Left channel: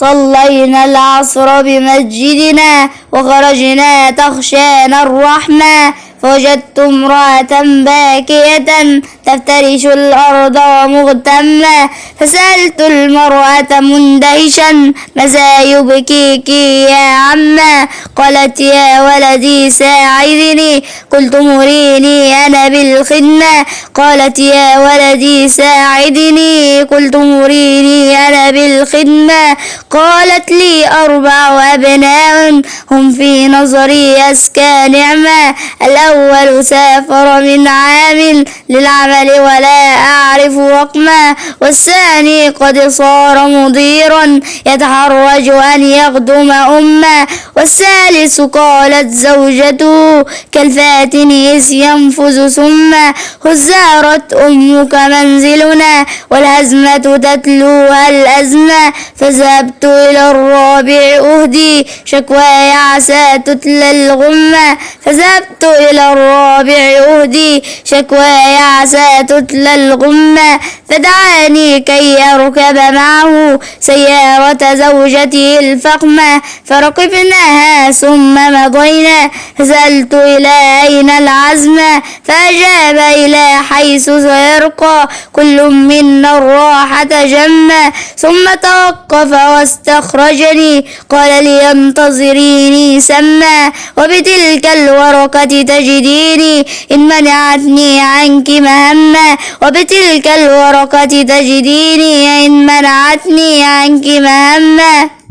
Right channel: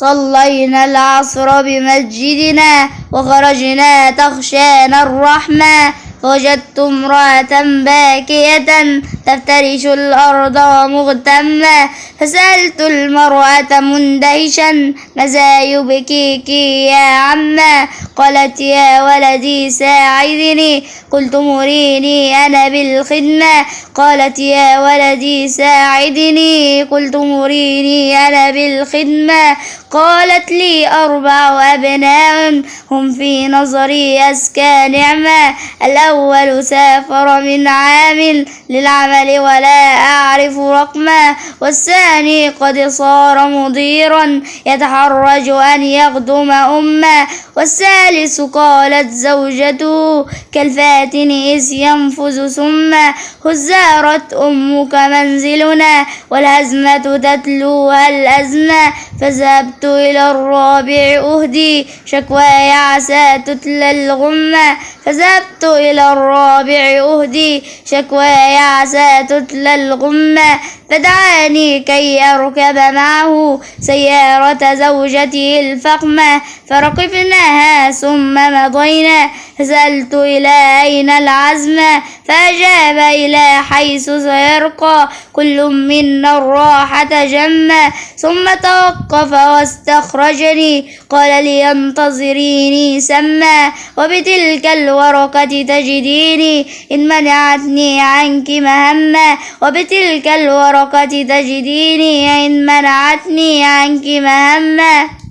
صلينا العصر بمسجدنا وخرجنا تخشانا الرحمة، فوجدت امرأة باكية تفترش الأرض ومغتمة، فسألت المرأة مندهشا ماذا يبكيك يا عمة؟ قالت يا ولدي ساعدني. قلت مريني أنا بالخدمة. قالت يا ولدي ساعدني. قلت مريني أنا بالخدمة. قالت لي 4 أبناء هم في نظري أزكى نعمة، الأول سافر من عام للعمل ولا أعرف رقمه، والثاني قد صار مديرا يتحرج أن يخدم أمه، والثالث قالت زوجته كالفاتن إذ ينفذ سمه، هزارت أمك منزلنا والهزمة تتلوها الأزمة، فذهبت إلى الرابع أهدي شكواي عسى تتلى الغمة، فذهبت إلى الرابع أهدي شكواي عسى تتلى الغمة، فدعاني كي أركب معه سيارة زوجته الفخمة، فركبناها ثم مضينا، فسألت إلى أين العزمة؟ فأجاب إلى حيث سيرقى كل منا الراحة جمة، ثم توقف واستخرجني قال لي انتظريني سما، وبتلك الورقة تجديني إن منعتني عنك مهمة، وبتلك الورقة تجديني إن منعتني عنك مهمة.